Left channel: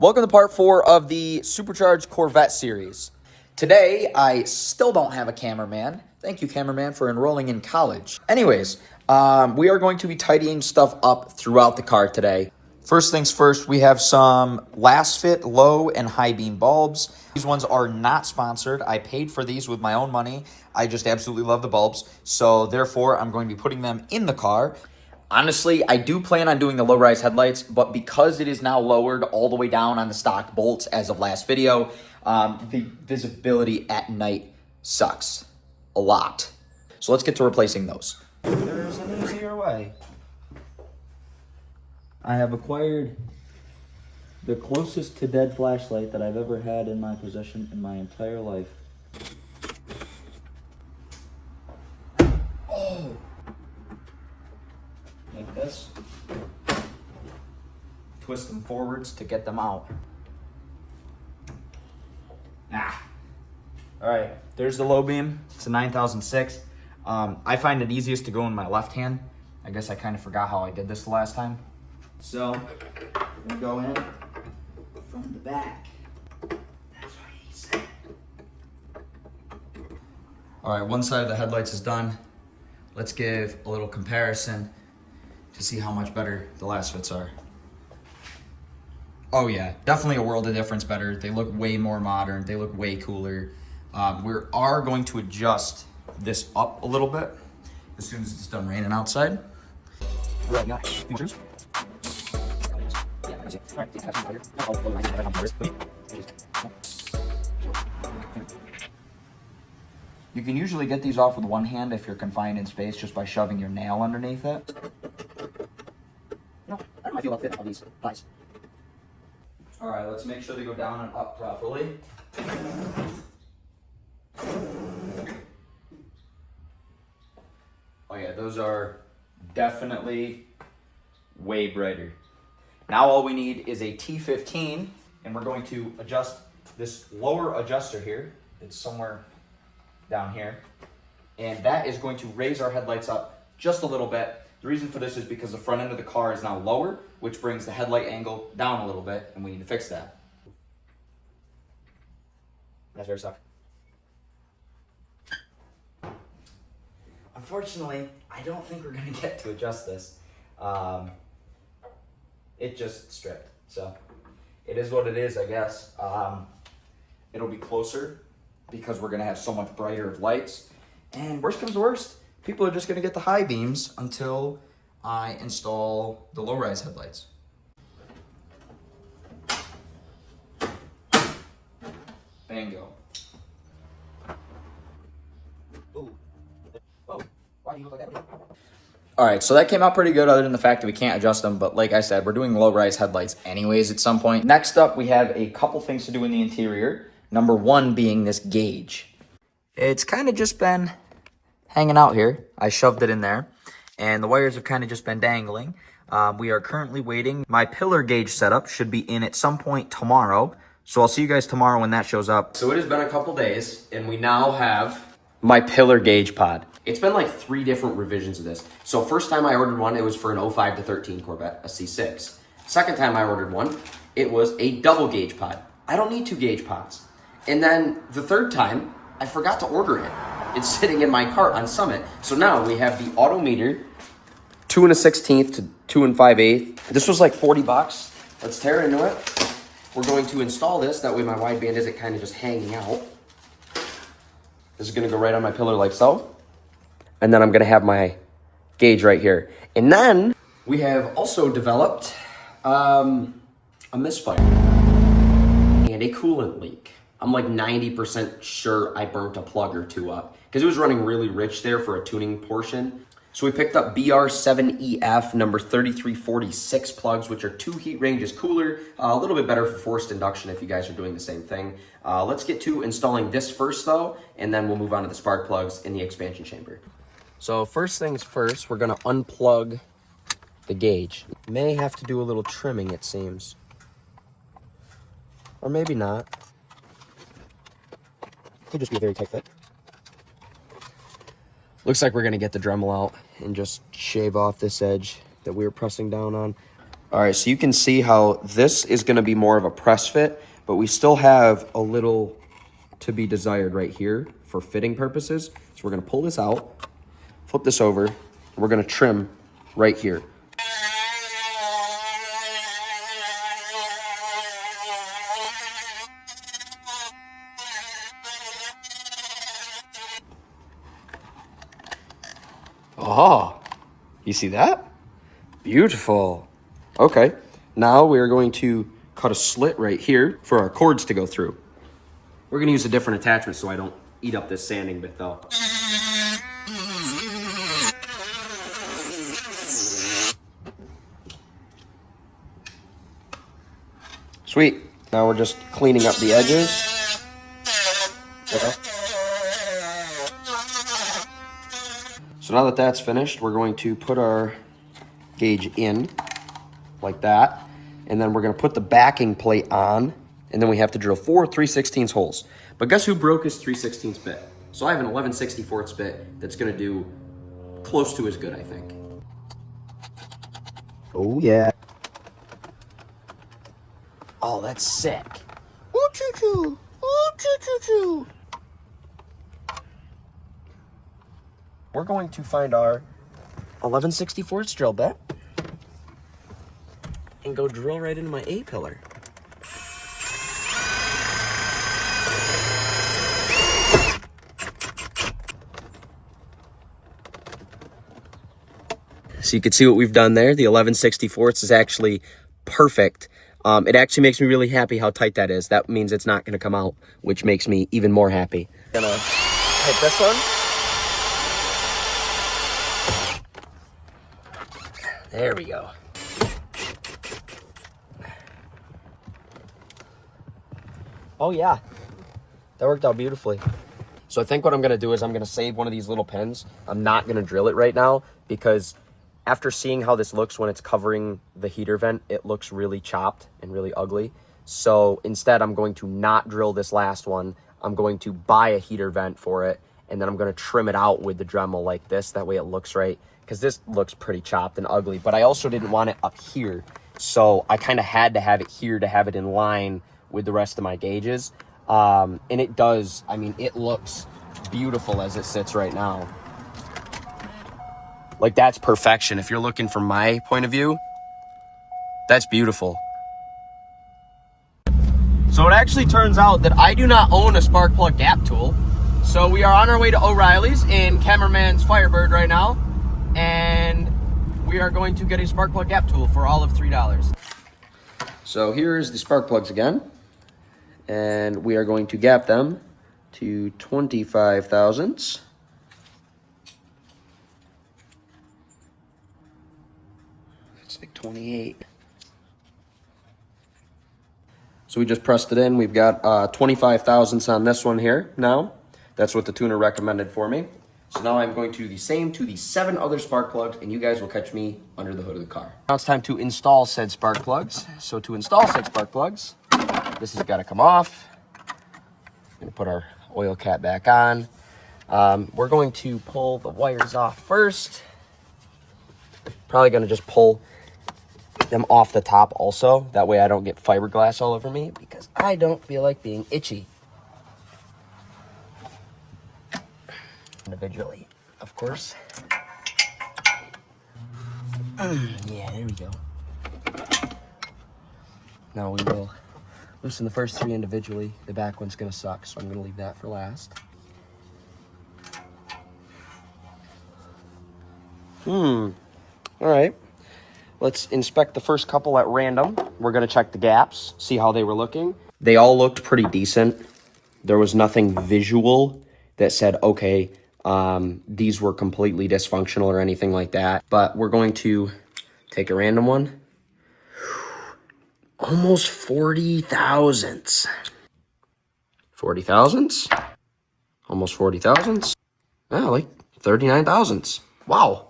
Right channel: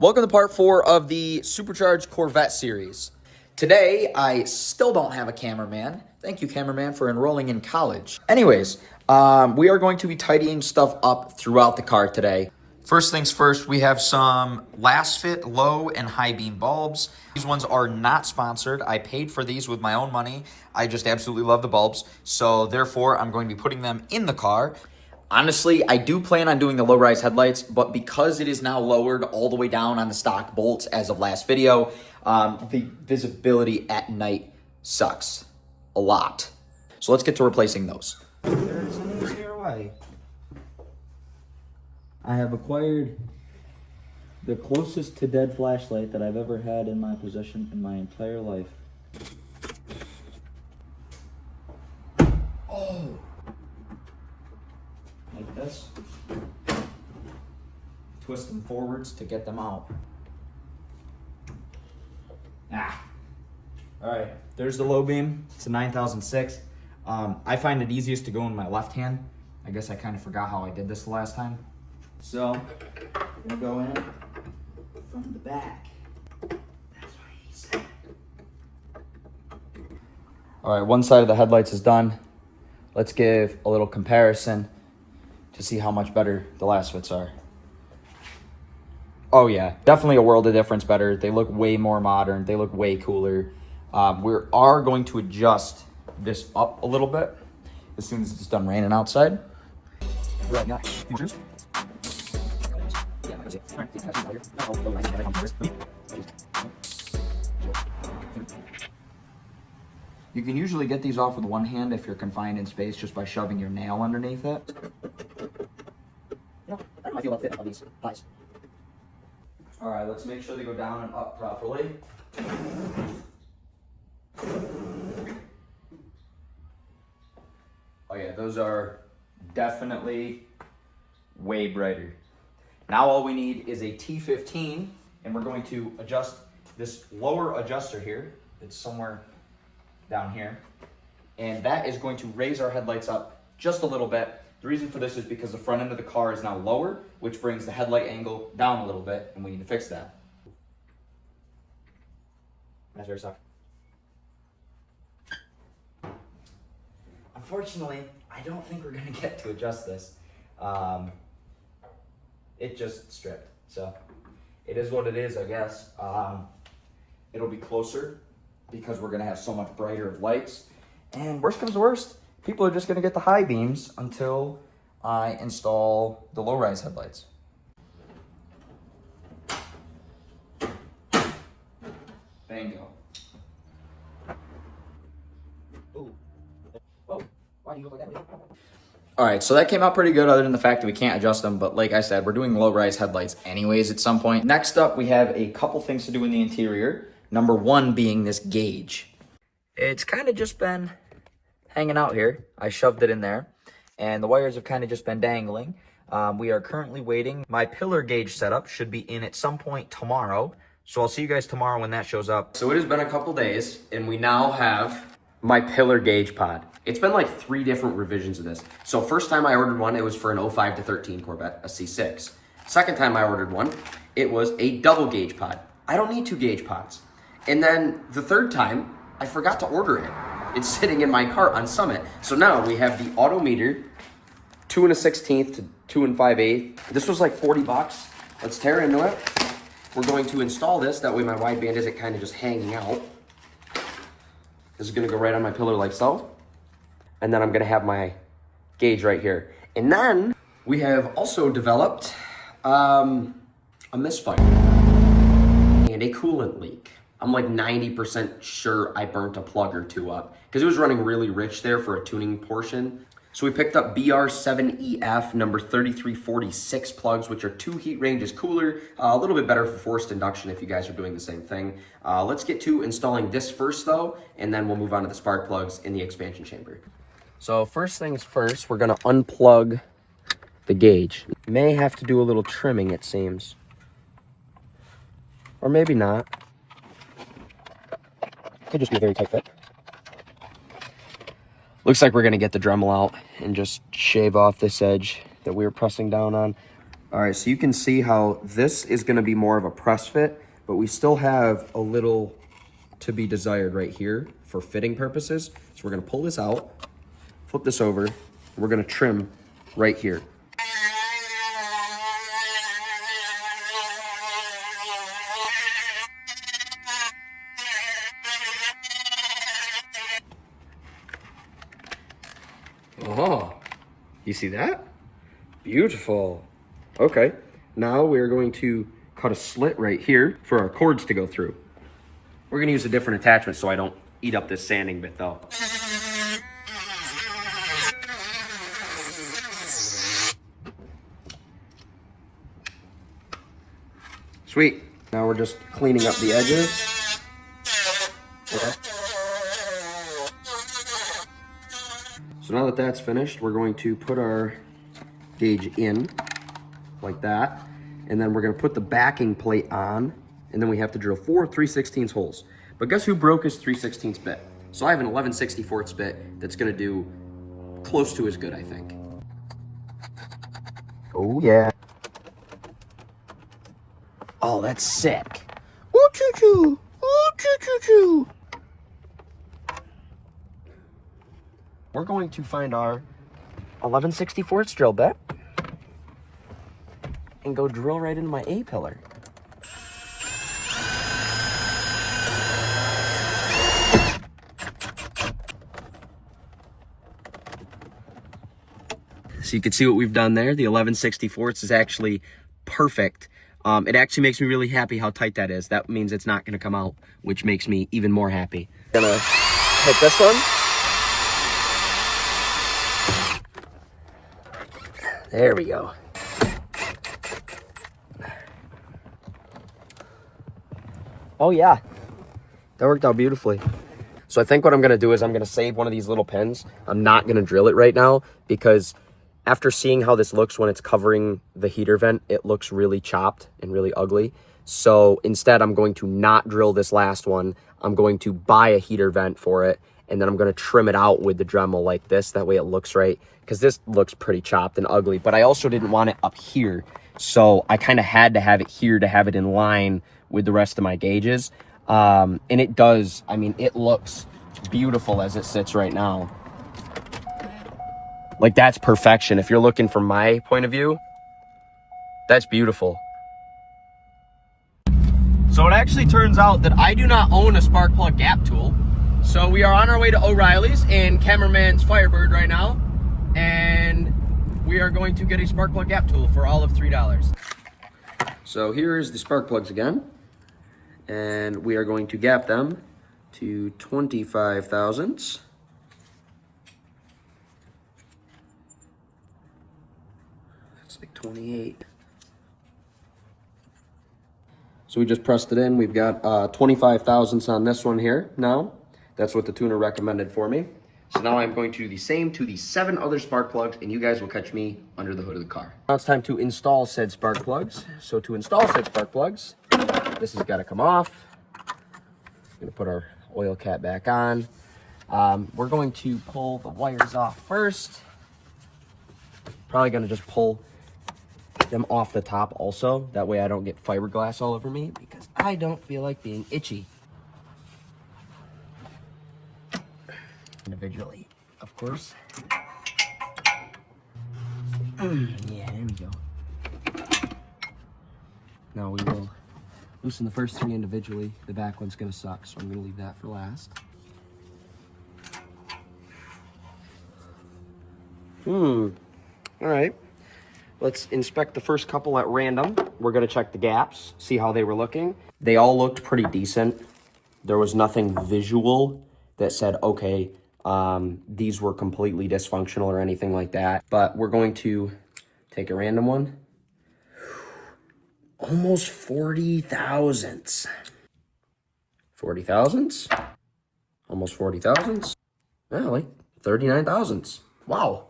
Welcome to part 4 of the Supercharged Corvette series. Today, I still don't have a cameraman. Thank you, cameraman, for enrolling in college. Anyways, we are going to be tidying stuff up throughout the car today. First things first, we have some last fit low and high beam bulbs. These ones are not sponsored. I paid for these with my own money. I just absolutely love the bulbs. So therefore, I'm going to be putting them in the car. Honestly, I do plan on doing the low-rise headlights, but because it is now lowered all the way down on the stock bolts as of last video, the visibility at night sucks a lot. So let's get to replacing those. There's an easier way. I have acquired the closest to dead flashlight that I've ever had in my possession in my entire life. Oh! Like this. Twist them forwards to get them out. Alright, there's the low beam. It's a 9006. I find it easiest to go in my left hand. I guess I kind of forgot how I did this the last time. So, we're gonna go in from the back. That's what he said. Alright, one side of the headlights is done. Let's give a little comparison to see how much better the last fits are. Oh yeah, definitely a world of difference better. They look way more modern. They look way cooler. We are going to adjust this up a little bit as soon as it's done raining outside. Right now, you can usually get these off with one hand if you're confined in space just by shoving your nail underneath it. I don't know if I feel about fit on these guys. All right, let's make sure they go down and up properly. Oh yeah, those are definitely way brighter. Now all we need is a T15, and we're going to adjust this lower adjuster here. It's somewhere down here. And that is going to raise our headlights up just a little bit. The reason for this is because the front end of the car is now lower, which brings the headlight angle down a little bit, and we need to fix that. That's very stuck. Unfortunately, I don't think we're gonna get to adjust this. It just stripped, so it is what it is, I guess. It'll be closer because we're gonna have so much brighter of lights. And worst comes to worst, people are just gonna get the high beams until I install the low-rise headlights. Bingo. Ooh. Whoa. Why do you look like that? All right, so that came out pretty good other than the fact that we can't adjust them. But like I said, we're doing low-rise headlights anyways at some point. Next up, we have a couple things to do in the interior. Number one being this gauge. It's kind of just been hanging out here. I shoved it in there, and the wires have kind of just been dangling. We are currently waiting. My pillar gauge setup should be in at some point tomorrow. So I'll see you guys tomorrow when that shows up. So it has been a couple days, and we now have my pillar gauge pod. It's been like 3 different revisions of this. So first time I ordered one, it was for an 05 to 13 Corvette, a C6. Second time I ordered one, it was a double gauge pod. I don't need 2 gauge pods. And then the third time, I forgot to order it. It's sitting in my cart on Summit. So now we have the auto meter, 2 1/16 to 2 5/8. This was like 40 bucks. Let's tear into it. We're going to install this. That way my wideband isn't kind of just hanging out. This is gonna go right on my pillar like so. And then I'm gonna have my gauge right here. And then we have also developed a misfire and a coolant leak. I'm like 90% sure I burnt a plug or 2 up because it was running really rich there for a tuning portion. So we picked up BR7EF number 3346 plugs, which are 2 heat ranges cooler, a little bit better for forced induction if you guys are doing the same thing. Let's get to installing this first though, and then we'll move on to the spark plugs in the expansion chamber. So first things first, we're gonna unplug the gauge. May have to do a little trimming, it seems. Or maybe not. Could just be a very tight fit. Looks like we're gonna get the Dremel out and just shave off this edge that we were pressing down on. All right, so you can see how this is going to be more of a press fit, but we still have a little to be desired right here for fitting purposes. So we're going to pull this out, flip this over, and we're going to trim right here. Oh, you see that? Beautiful. Okay, now we are going to cut a slit right here for our cords to go through. We're gonna use a different attachment so I don't eat up this sanding bit though. Sweet. Now we're just cleaning up the edges. Okay. So now that that's finished, we're going to put our gauge in like that. And then we're gonna put the backing plate on, and then we have to drill 4 3/16 holes. But guess who broke his 3/16 bit? So I have an 11/64 bit that's gonna do close to as good, I think. Oh yeah. Oh, that's sick. Ooh, choo choo. Ooh, choo choo choo. We're going to find our 11/64 drill bit and go drill right into my A-pillar. So you can see what we've done there. The 11/64 is actually perfect. It actually makes me really happy how tight that is. That means it's not gonna come out, which makes me even more happy. Gonna hit this one. There we go. Oh yeah, that worked out beautifully. So I think what I'm gonna do is I'm gonna save one of these little pins. I'm not gonna drill it right now because after seeing how this looks when it's covering the heater vent, it looks really chopped and really ugly. So instead I'm going to not drill this last one. I'm going to buy a heater vent for it, and then I'm gonna trim it out with the Dremel like this. That way it looks right, because this looks pretty chopped and ugly, but I also didn't want it up here. So I kind of had to have it here to have it in line with the rest of my gauges. And it does, I mean, it looks beautiful as it sits right now. Like, that's perfection. If you're looking from my point of view, that's beautiful. So it actually turns out that I do not own a spark plug gap tool. So we are on our way to O'Reilly's in Cameraman's Firebird right now. And we are going to get a spark plug gap tool for all of $3. So here's the spark plugs again. And we are going to gap them to 25 thousandths. It's like 28. So we just pressed it in. We've got 25 thousandths on this one here now. That's what the tuner recommended for me. So now I'm going to do the same to the 7 other spark plugs, and you guys will catch me under the hood of the car. Now it's time to install said spark plugs. So to install said spark plugs, this has got to come off. I'm gonna put our oil cap back on. We're going to pull the wires off first. Probably gonna just pull them off the top also. That way I don't get fiberglass all over me, because I don't feel like being itchy. Individually, of course. Yeah, there we go. Now we will loosen the first 3 individually. The back one's gonna suck, so I'm gonna leave that for last. All right. Let's inspect the first couple at random. We're gonna check the gaps, see how they were looking. They all looked pretty decent. There was nothing visual that said, okay, these were completely dysfunctional or anything like that. But we're going to take a random one. Almost 40 thousandths. 40 thousandths? Almost 40 thousandths? Oh, like 39 thousandths. Wow.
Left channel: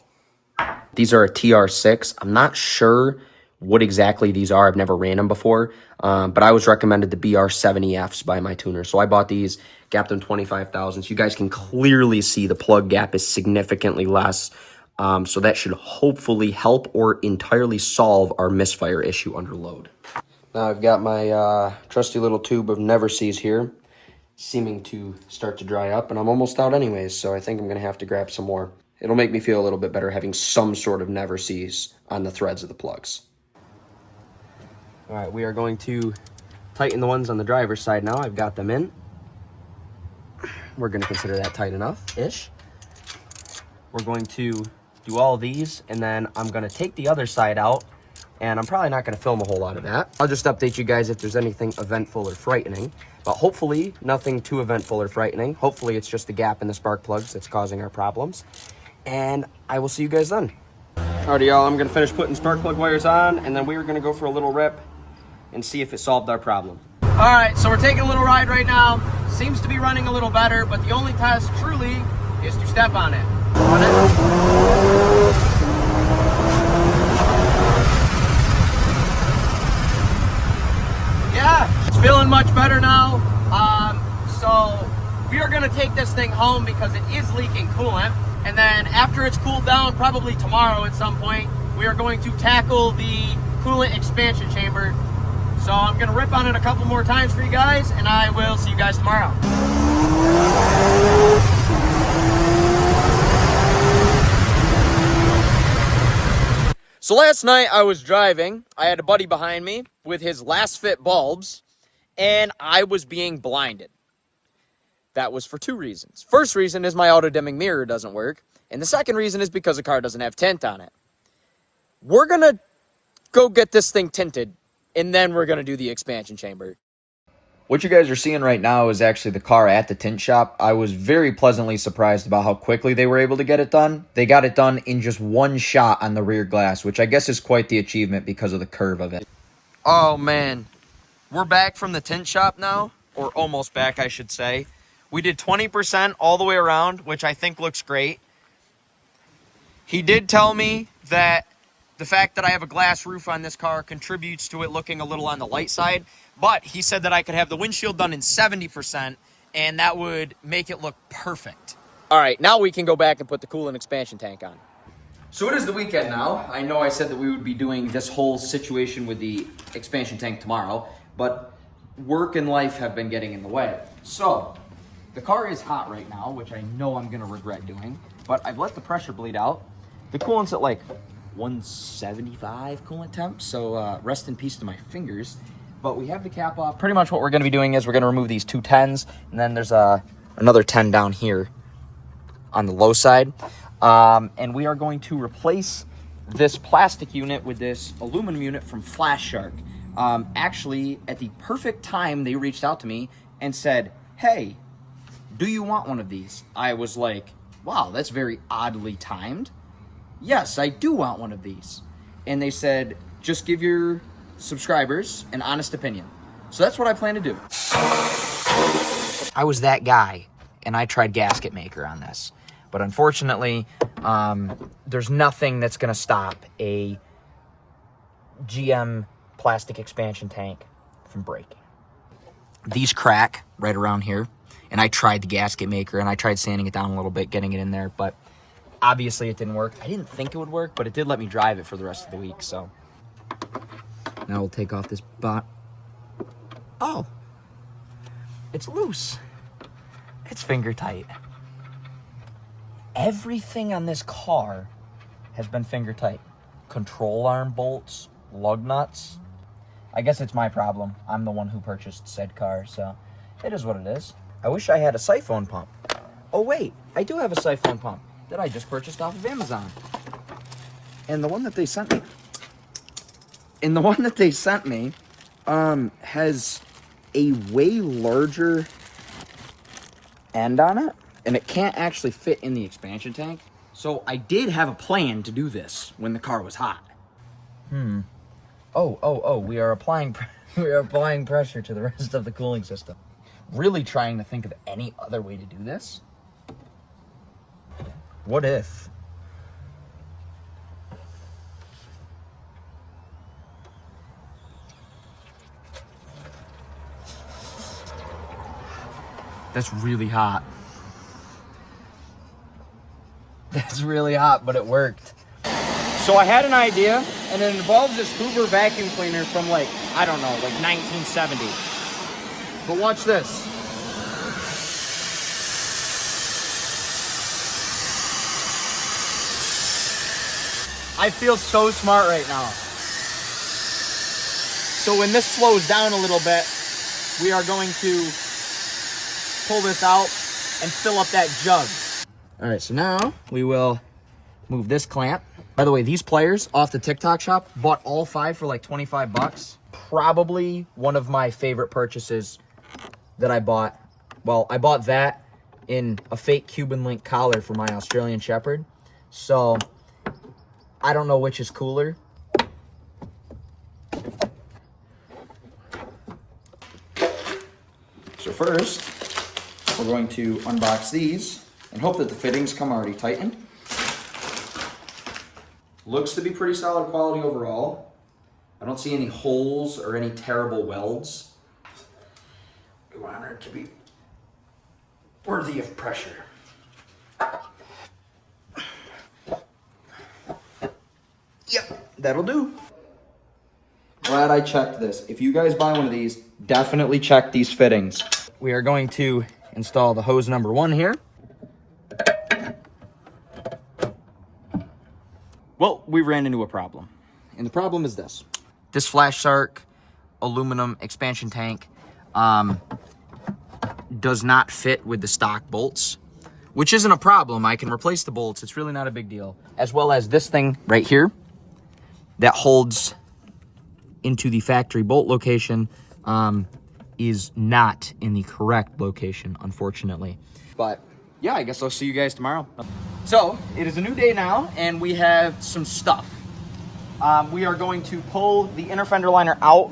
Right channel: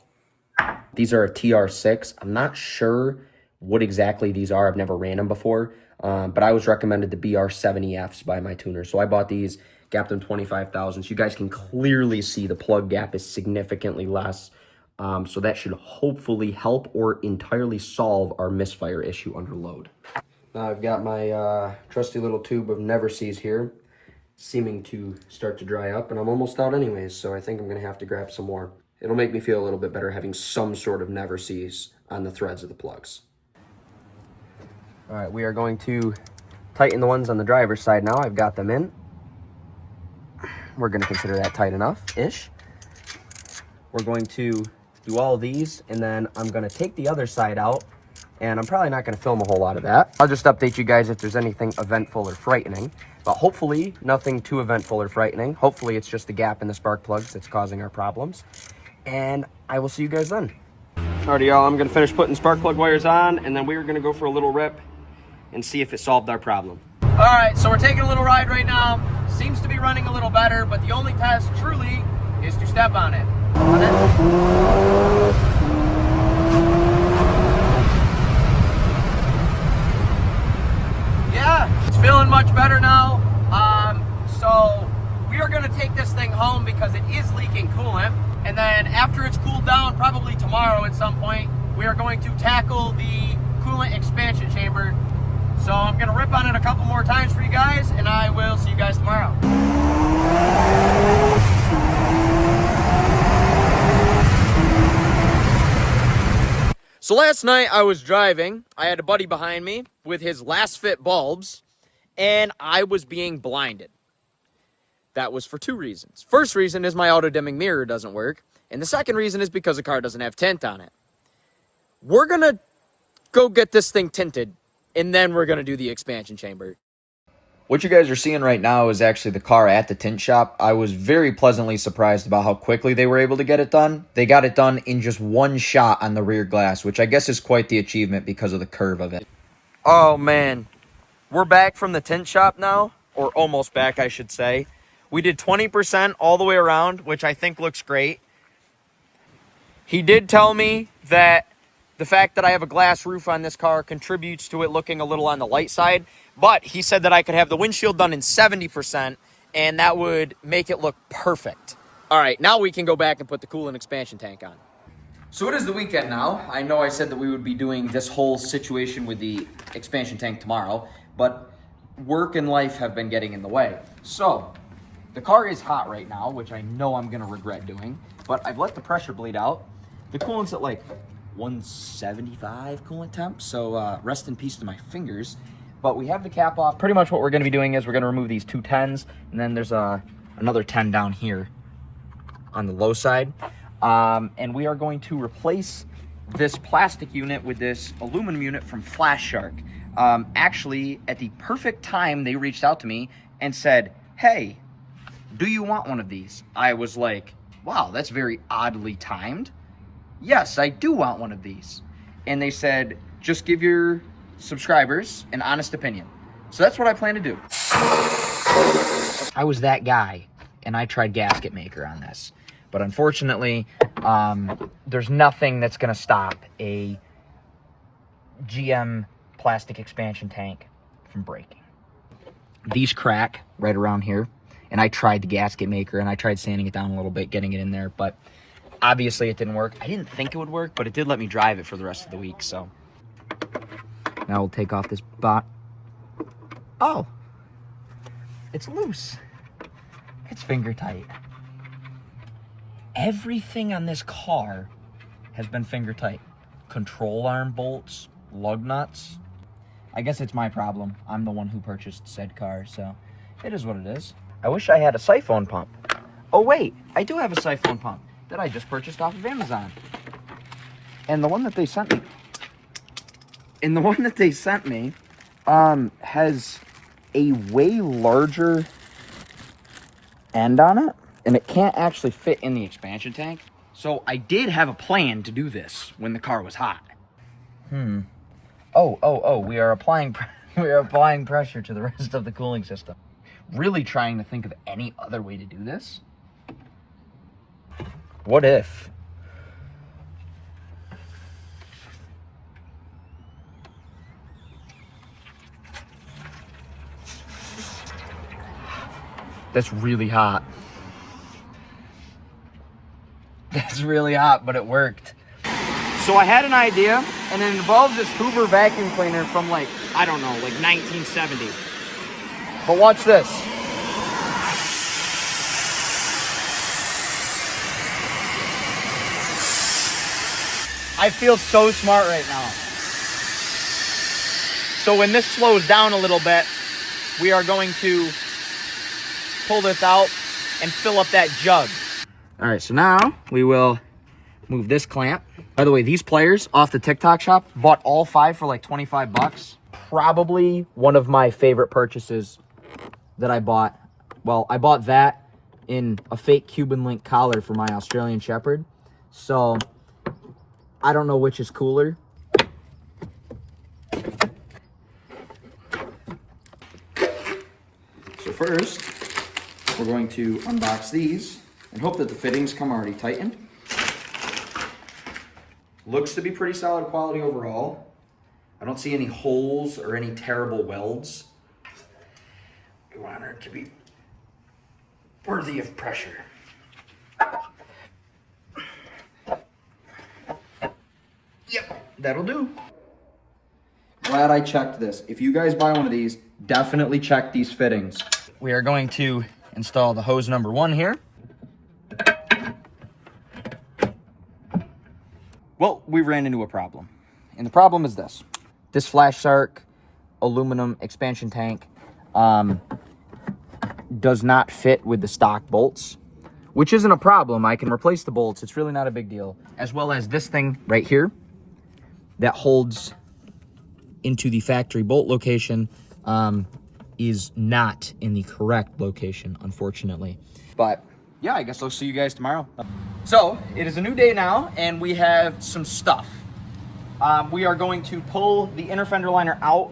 These are a TR6. I'm not sure what exactly these are. I've never ran them before. But I was recommended the BR70Fs by my tuner. So I bought these, gapped them 25 thousandths. You guys can clearly see the plug gap is significantly less So that should hopefully help or entirely solve our misfire issue under load. Now I've got my trusty little tube of Never Seas here, seeming to start to dry up, and I'm almost out anyways, so I think I'm gonna have to grab some more. It'll make me feel a little bit better having some sort of Never Seas on the threads of the plugs. All right, we are going to tighten the ones on the driver's side now. I've got them in. We're gonna consider that tight enough-ish. We're going to do all of these, and then I'm gonna take the other side out, and I'm probably not gonna film a whole lot of that. I'll just update you guys if there's anything eventful or frightening, but hopefully nothing too eventful or frightening. Hopefully it's just the gap in the spark plugs that's causing our problems, and I will see you guys then. Alrighty, y'all, I'm gonna finish putting spark plug wires on, and then we're gonna go for a little rip and see if it solved our problem. All right, so we're taking a little ride right now. Seems to be running a little better, but the only test truly is to step on it. Yeah, it's feeling much better now. So we are gonna take this thing home because it is leaking coolant. And then after it's cooled down, probably tomorrow at some point, we are going to tackle the coolant expansion chamber. So I'm gonna rip on it a couple more times for you guys, and I will see you guys tomorrow. So last night I was driving. I had a buddy behind me with his last fit bulbs, and I was being blinded. That was for two reasons. First reason is my auto dimming mirror doesn't work, and the second reason is because the car doesn't have tint on it. We're gonna go get this thing tinted, and then we're gonna do the expansion chamber. What you guys are seeing right now is actually the car at the tint shop. I was very pleasantly surprised about how quickly they were able to get it done. They got it done in just one shot on the rear glass, which I guess is quite the achievement because of the curve of it. Oh man, we're back from the tint shop now, or almost back I should say. We did 20% all the way around, which I think looks great. He did tell me that the fact that I have a glass roof on this car contributes to it looking a little on the light side, but he said that I could have the windshield done in 70%, and that would make it look perfect. All right, now we can go back and put the coolant expansion tank on. So it is the weekend now. I know I said that we would be doing this whole situation with the expansion tank tomorrow, but work and life have been getting in the way. So the car is hot right now, which I know I'm gonna regret doing, but I've let the pressure bleed out. The coolant's at like 175 coolant temp, so rest in peace to my fingers. But we have the cap off. Pretty much what we're going to be doing is we're going to remove these two 10s, and then there's another 10 down here on the low side. And we are going to replace this plastic unit with this aluminum unit from Flash Shark. Actually, at the perfect time, they reached out to me and said, hey, do you want one of these? I was like, wow, that's very oddly timed. Yes, I do want one of these. And they said, just give your subscribers an honest opinion. So that's what I plan to do. I was that guy, and I tried gasket maker on this. But unfortunately, there's nothing that's going to stop a GM plastic expansion tank from breaking. These crack right around here, and I tried the gasket maker, and I tried sanding it down a little bit, getting it in there, but obviously it didn't work. I didn't think it would work, but it did let me drive it for the rest of the week, so. Now we'll take off this bot. Oh, it's loose. It's finger tight. Everything on this car has been finger tight. Control arm bolts, lug nuts. I guess it's my problem. I'm the one who purchased said car, so it is what it is. I wish I had a siphon pump. Oh wait, I do have a siphon pump that I just purchased off of Amazon. And the one that they sent me, has a way larger end on it, and it can't actually fit in the expansion tank. So I did have a plan to do this when the car was hot. Oh, we are applying pressure to the rest of the cooling system. Really trying to think of any other way to do this. What if? That's really hot. That's really hot, but it worked. So I had an idea, and it involves this Hoover vacuum cleaner from like, I don't know, like 1970. But watch this. I feel so smart right now. So when this slows down a little bit, we are going to pull this out and fill up that jug. All right, so now we will move this clamp. By the way, these pliers off the TikTok shop, bought all 5 for like 25 bucks. Probably one of my favorite purchases that I bought. Well, I bought that in a fake Cuban link collar for my Australian Shepherd. So I don't know which is cooler. So first, we're going to unbox these and hope that the fittings come already tightened. Looks to be pretty solid quality overall. I don't see any holes or any terrible welds. We want her to be worthy of pressure. Yep, that'll do. Glad I checked this. If you guys buy one of these, definitely check these fittings. We are going to install the hose number 1 here. Well, we ran into a problem. And the problem is this. This Flash Shark aluminum expansion tank does not fit with the stock bolts, which isn't a problem. I can replace the bolts. It's really not a big deal. As well as this thing right here that holds into the factory bolt location is not in the correct location, unfortunately. But yeah, I guess I'll see you guys tomorrow. So it is a new day now, and we have some stuff. We are going to pull the inner fender liner out,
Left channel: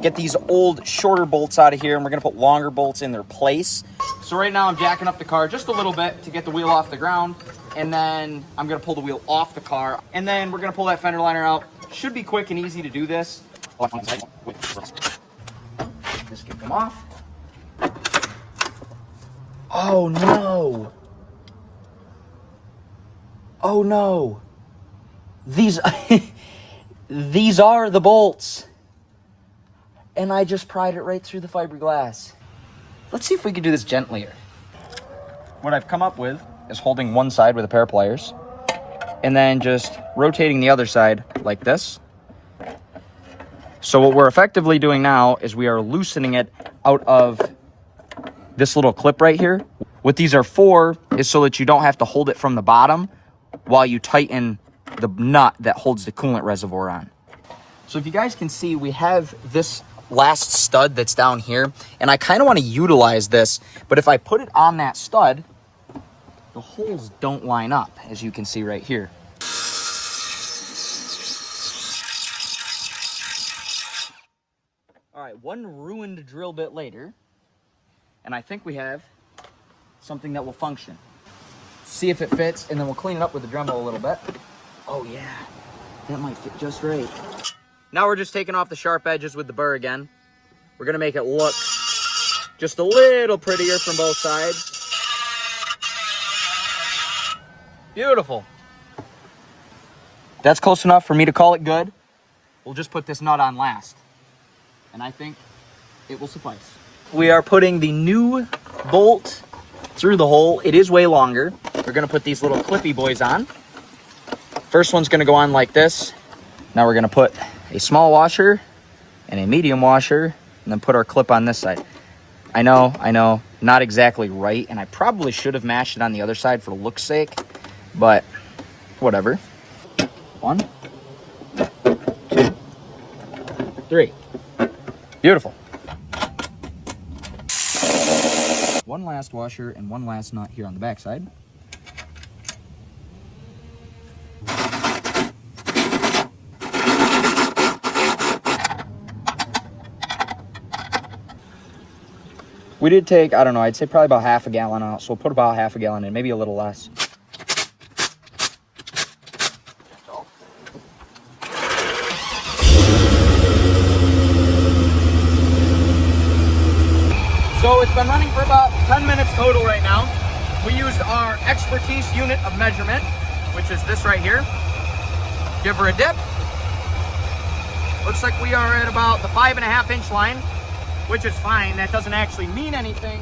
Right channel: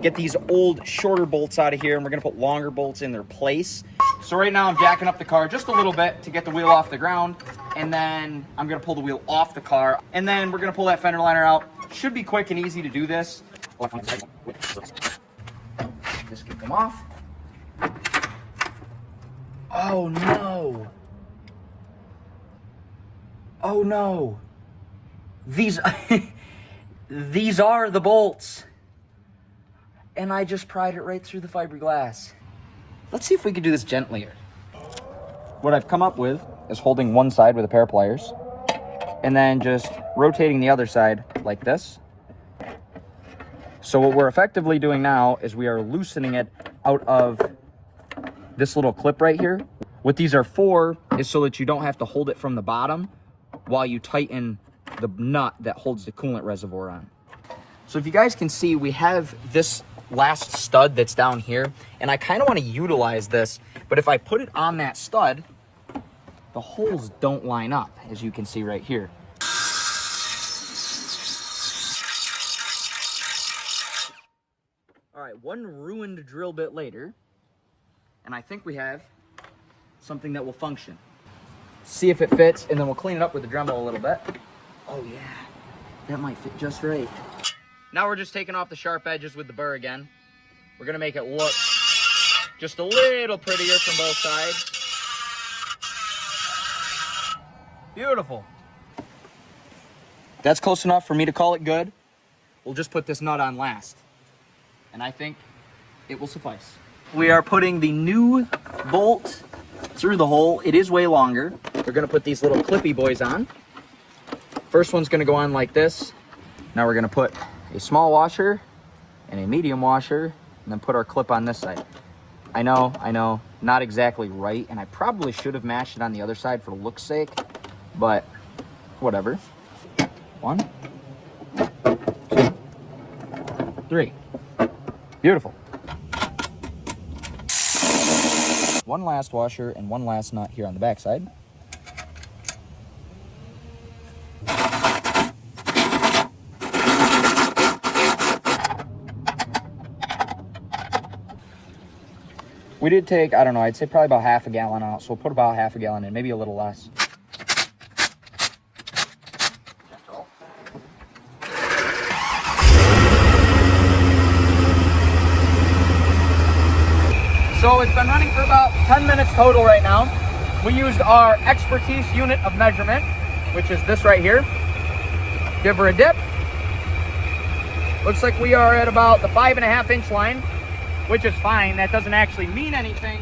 get these old shorter bolts out of here, and we're gonna put longer bolts in their place. So right now I'm jacking up the car just a little bit to get the wheel off the ground, and then I'm gonna pull the wheel off the car, and then we're gonna pull that fender liner out. Should be quick and easy to do this. Just get them off. Oh no. Oh no. These these are the bolts. And I just pried it right through the fiberglass. Let's see if we can do this gentlier. What I've come up with is holding one side with a pair of pliers and then just rotating the other side like this. So what we're effectively doing now is we are loosening it out of this little clip right here. What these are for is so that you don't have to hold it from the bottom while you tighten the nut that holds the coolant reservoir on. So if you guys can see, we have this last stud that's down here, and I kind of want to utilize this, but if I put it on that stud, the holes don't line up, as you can see right here. All right, one ruined drill bit later, and I think we have something that will function. See if it fits, and then we'll clean it up with the Dremel a little bit. Oh yeah, that might fit just right. Now we're just taking off the sharp edges with the burr again. We're gonna make it look just a little prettier from both sides. Beautiful. That's close enough for me to call it good. We'll just put this nut on last, and I think it will suffice. We are putting the new bolt through the hole. It is way longer. We're gonna put these little clippy boys on. First one's gonna go on like this. Now we're gonna put a small washer and a medium washer, and then put our clip on this side. I know, not exactly right, and I probably should have mashed it on the other side for look's sake, but whatever. 1, 2, 3. Beautiful. One last washer and one last nut here on the back side. We did take, I don't know, I'd say probably about half a gallon out, so we'll put about half a gallon in, maybe a little less. So it's been running for about 10 minutes total right now. We used our expertise unit of measurement, which is this right here. Give her a dip. Looks like we are at about the 5.5 inch line, which is fine. That doesn't actually mean anything.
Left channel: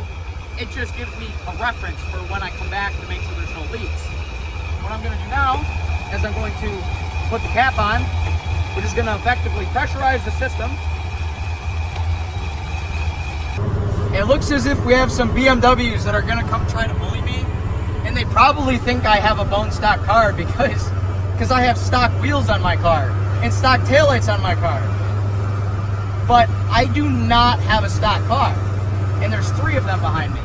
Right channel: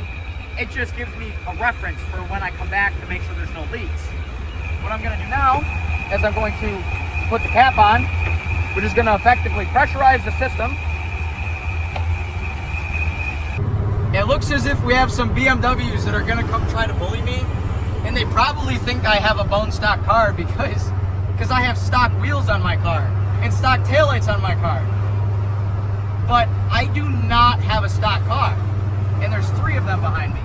It just gives me a reference for when I come back to make sure there's no leaks. What I'm gonna do now is I'm going to put the cap on, which is gonna effectively pressurize the system. It looks as if we have some BMWs that are gonna come try to bully me, and they probably think I have a bone stock car because I have stock wheels on my car and stock taillights on my car. But I do not have a stock car, and there's 3 of them behind me.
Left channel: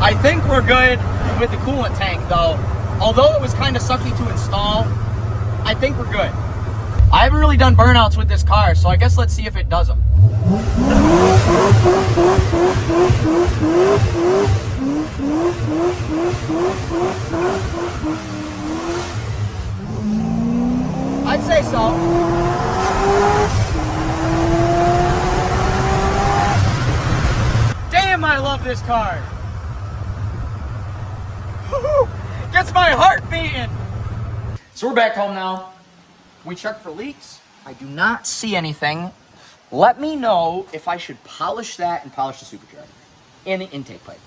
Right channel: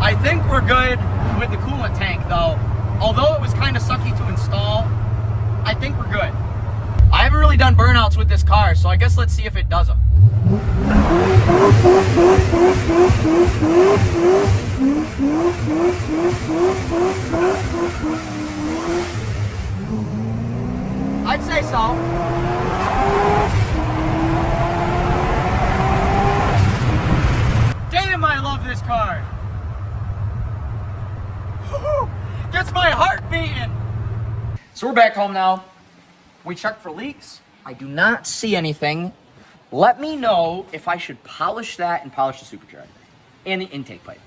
I think we're good with the coolant tank though. Although it was kind of sucky to install, I think we're good. I haven't really done burnouts with this car, so I guess let's see if it does them. I'd say so. Damn, I love this car. Gets my heart beating. So we're back home now. We checked for leaks. I do not see anything. Let me know if I should polish that and polish the supercharger and the intake pipe.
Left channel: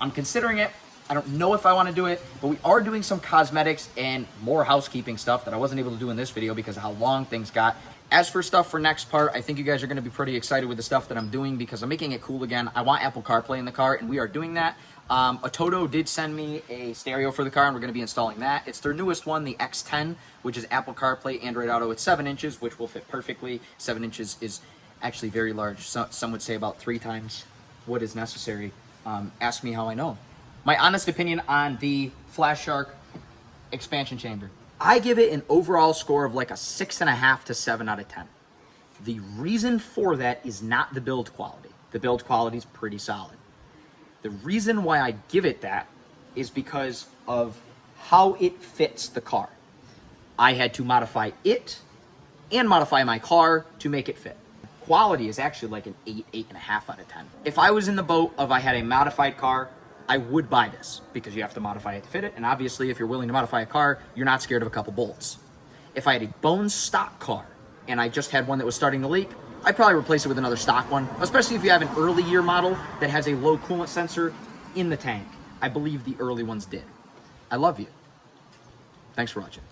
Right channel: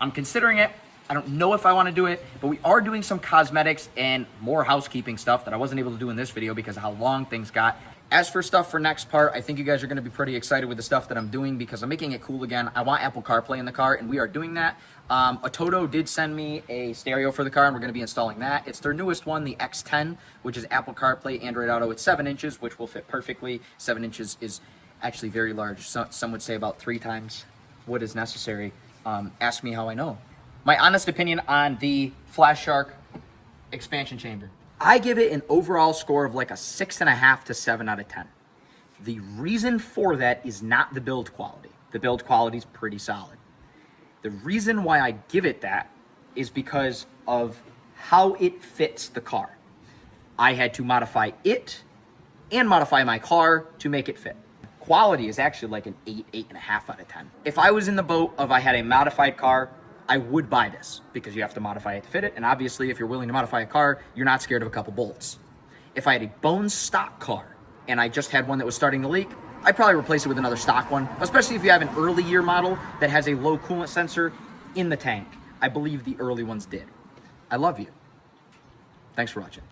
I'm considering it. I don't know if I want to do it, but we are doing some cosmetics and more housekeeping stuff that I wasn't able to do in this video because of how long things got. As for stuff for next part, I think you guys are going to be pretty excited with the stuff that I'm doing because I'm making it cool again. I want Apple CarPlay in the car, and we are doing that. Ototo did send me a stereo for the car, and we're going to be installing that. It's their newest one, the X10, which is Apple CarPlay, Android Auto. It's 7 inches, which will fit perfectly. 7 inches is actually very large. Some would say about 3 times what is necessary. Ask me how I know. My honest opinion on the Flash Shark expansion chamber. I give it an overall score of like a 6.5 to 7 out of 10. The reason for that is not the build quality. The build quality is pretty solid. The reason why I give it that is because of how it fits the car. I had to modify it and modify my car to make it fit. Quality is actually like an 8, 8.5 out of 10. If I was in the boat of I had a modified car, I would buy this because you have to modify it to fit it. And obviously, if you're willing to modify a car, you're not scared of a couple bolts. If I had a bone stock car and I just had one that was starting to leak, I'd probably replace it with another stock one, especially if you have an early year model that has a low coolant sensor in the tank. I believe the early ones did. I love you. Thanks for watching.